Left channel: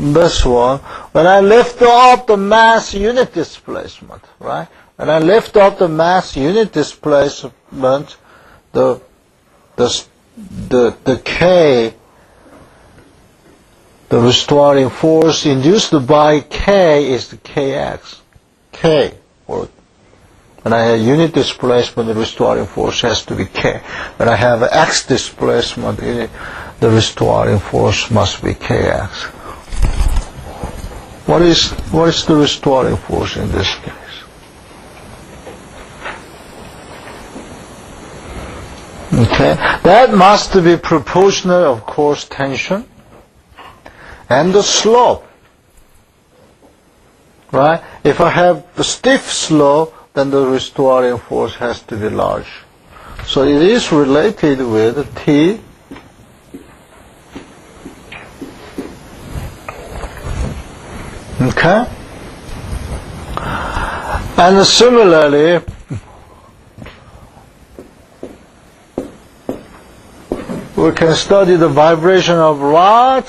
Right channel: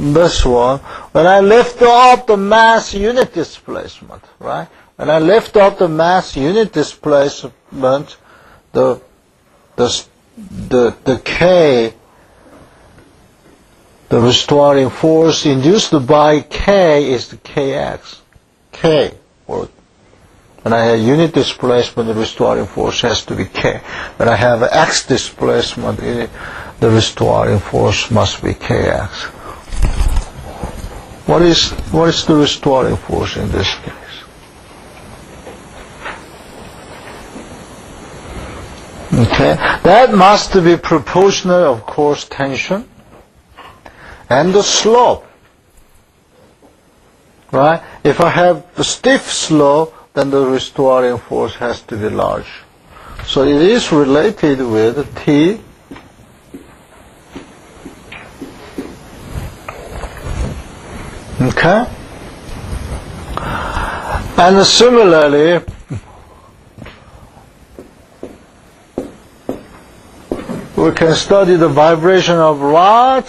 this one, when I lift up the mass unit displacement, right? When I lift up the mass unit displacement, the K, the restoring force induced by K is the Kx. K, or when I have unit displacement, the restoring force has to be K. When I have X displacement, the restoring force must be Kx. What is the restoring force in this case? Okay, that must be proportional, of course, tension and the slope. Right? If I have the stiff slope, then the restoring force has to be large. So it is related with T. Okay? And similarly, we can study the vibration of rod.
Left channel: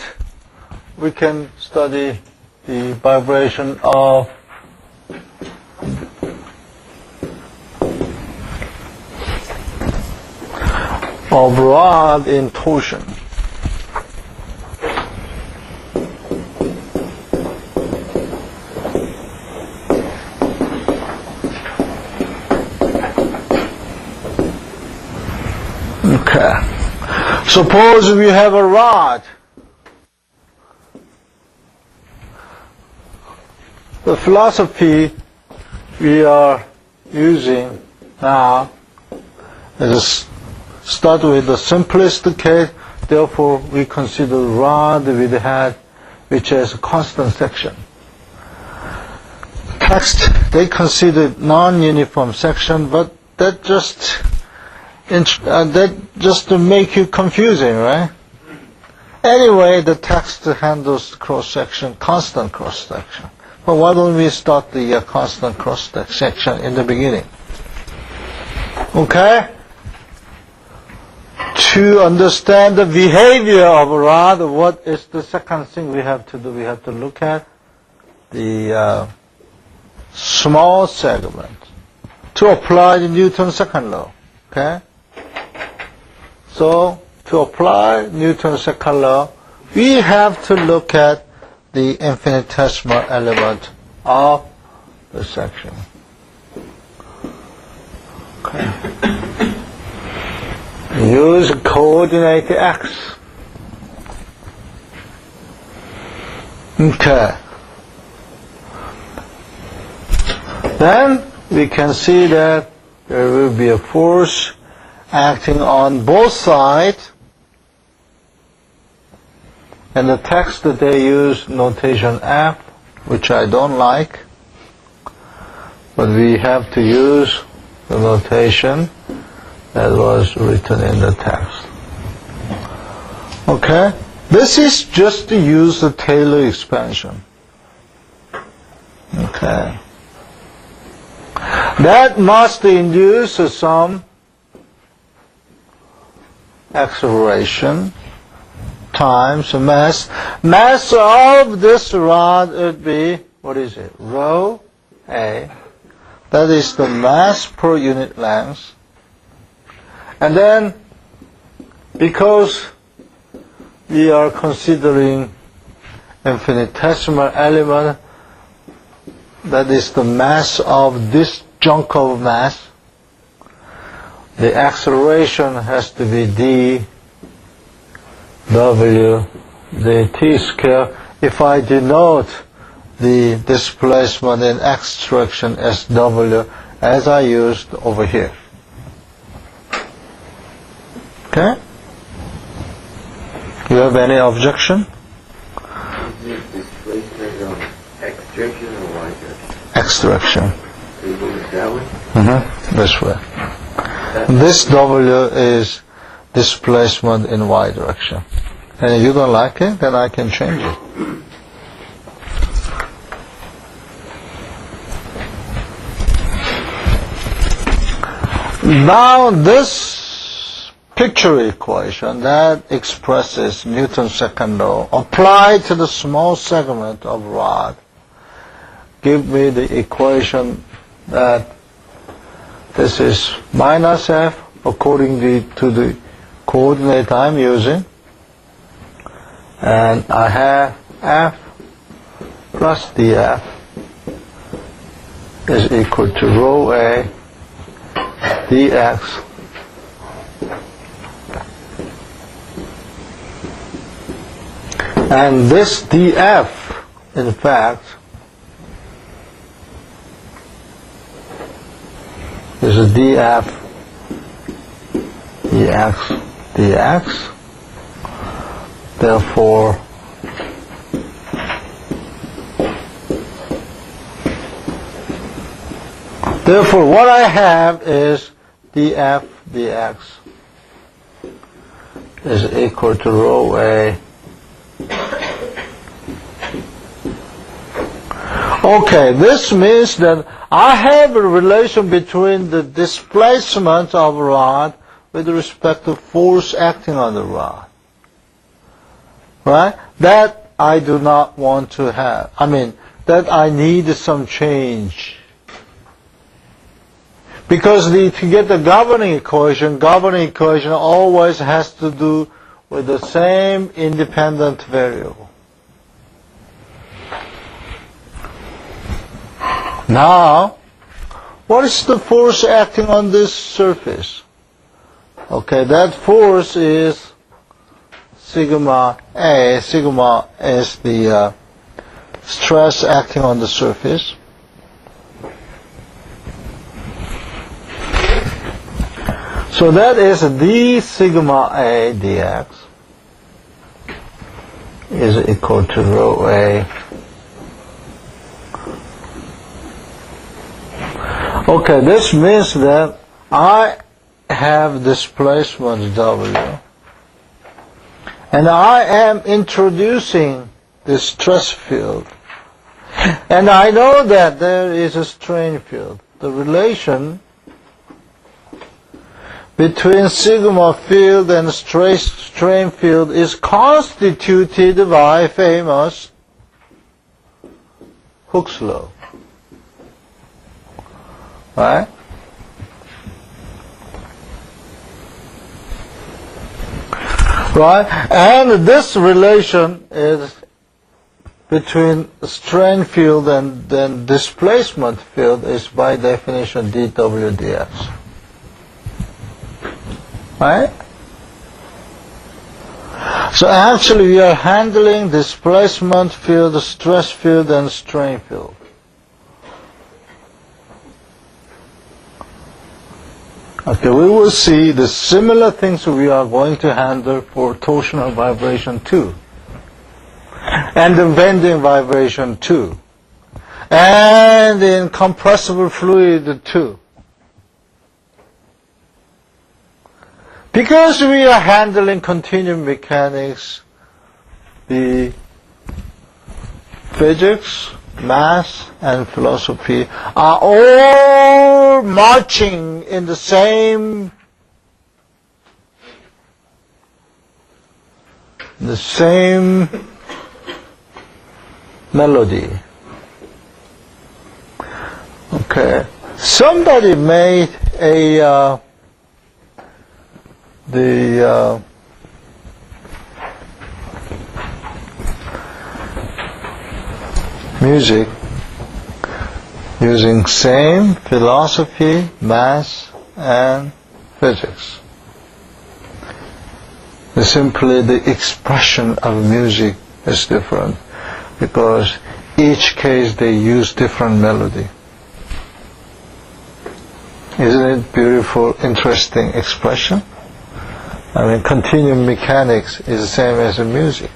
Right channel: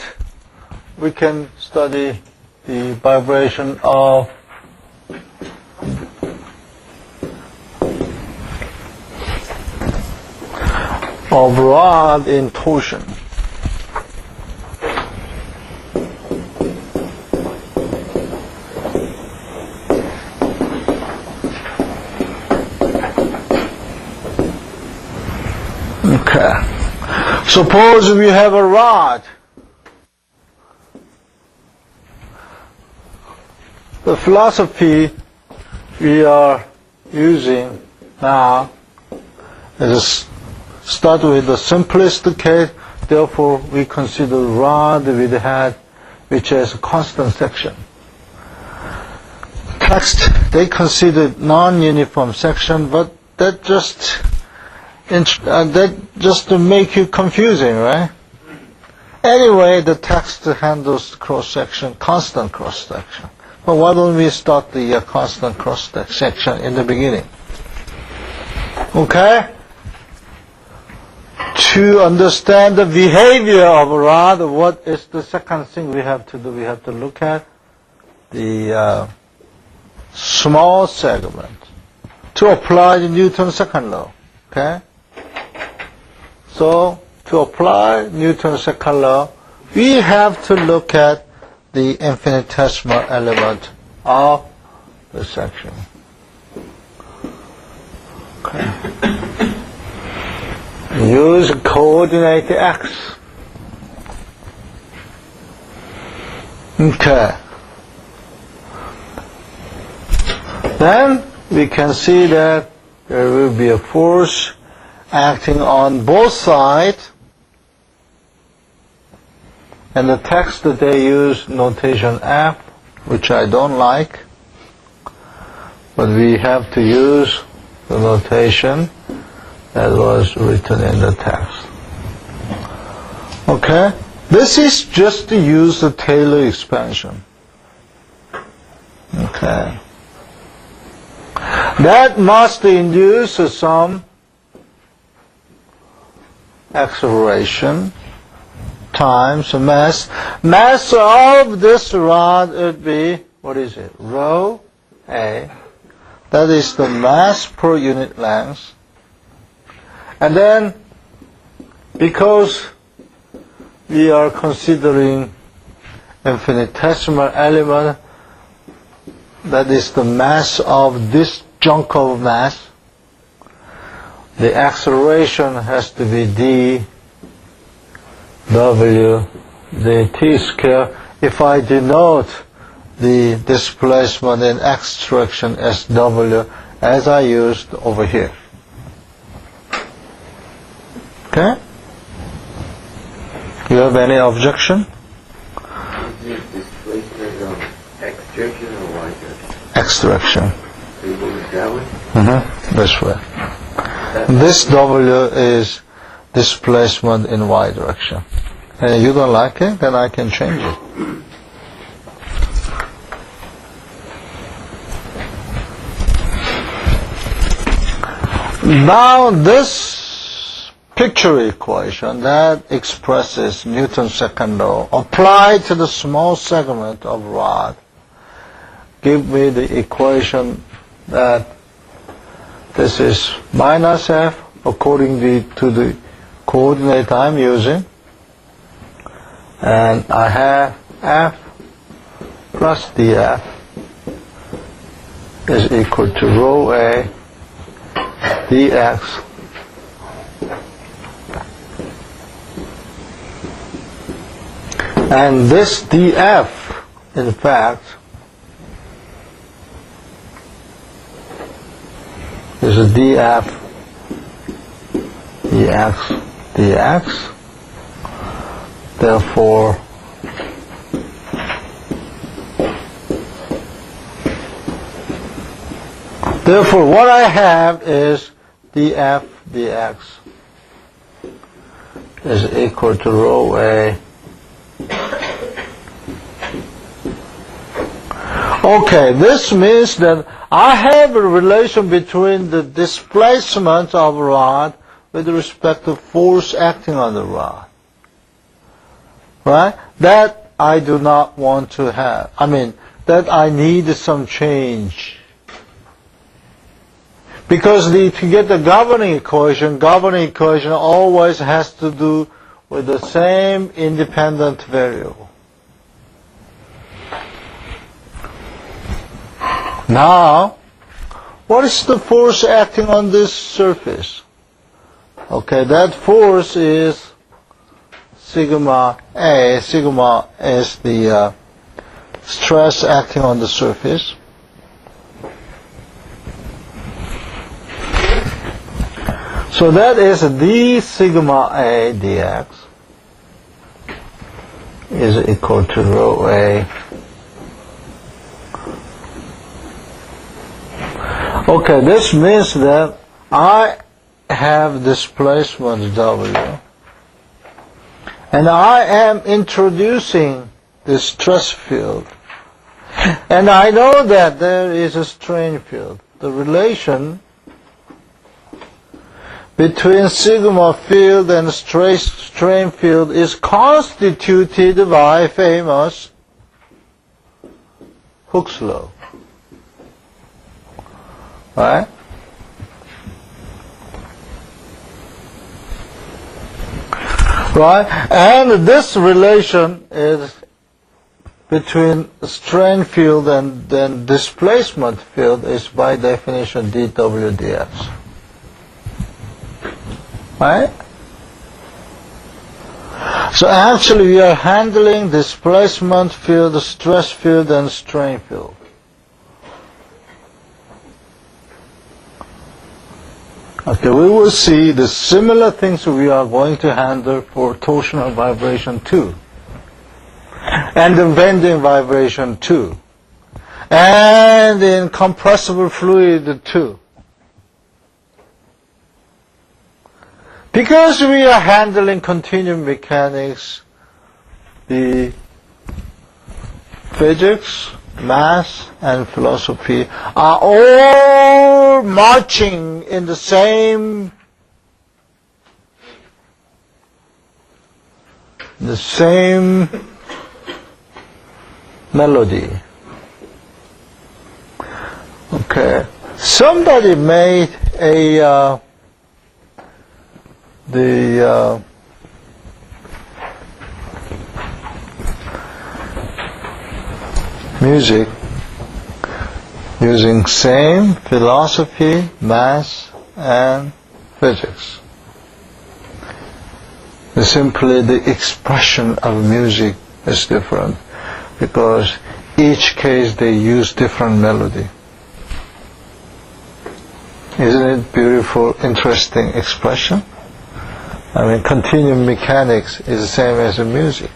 We can study the vibration of rod in torsion. Okay. Suppose we have a rod. The philosophy we are using now is start with the simplest case. Therefore, we consider rod with head, which has a constant section. Text, they consider non-uniform section, but that just to make you confusing, right? Anyway, the text handles cross-section, constant cross-section. But why don't we start the constant cross-section in the beginning? Okay? To understand the behavior of a rod, what is the second thing we have to do? We have to look at the small segment to apply the Newton's second law. Okay? So, to apply Newton's second law, we have to look at the infinitesimal element of the section. Okay. Use coordinate x. Okay. Then we can see that there will be a force acting on both sides, and the text that they use notation F, which I don't like, but we have to use the notation that was written in the text. Okay? This is just to use the Taylor expansion. Okay. That must induce some acceleration times mass. Mass of this rod would be, what is it? Rho A. That is the mass per unit length. And then, because we are considering infinitesimal element, that is the mass of this chunk of mass, the acceleration has to be d w dt square. If I denote the displacement in x direction as w, as I used over here. Okay? Do you have any objection? X direction. That's right. This W is displacement in Y direction. And you don't like it, then I can change it. Now this picture equation that expresses Newton's second law applied to the small segment of rod. Give me the equation that this is minus F according to the coordinate I'm using, and I have F plus dF is equal to rho A dx and this dF in fact is a dF dx. Therefore what I have is dF dx is equal to rho A. Okay, this means that I have a relation between the displacement of a rod with respect to force acting on the rod. Right? That I do not want to have. That I need some change. Because to get the governing equation always has to do with the same independent variable. Now, what is the force acting on this surface? Okay, that force is sigma A. Sigma is the stress acting on the surface. So that is d sigma A dx is equal to rho A. Okay, this means that I have displacement W, and I am introducing the stress field, and I know that there is a strain field. The relation between sigma field and strain field is constituted by famous Hooke's law. Right? Right? And this relation is between strain field and then displacement field is by definition dW dx. Right? So actually we are handling displacement field, stress field, and strain field. Okay, we will see the similar things we are going to handle for torsional vibration too, and the bending vibration too, and in compressible fluid too. Because we are handling continuum mechanics, the physics, math, and philosophy are all marching in the same melody. Okay. Somebody made the music using same philosophy, math, and physics. Simply the expression of music is different because each case they use different melody. Isn't it beautiful, interesting expression? Continuum mechanics is the same as the music.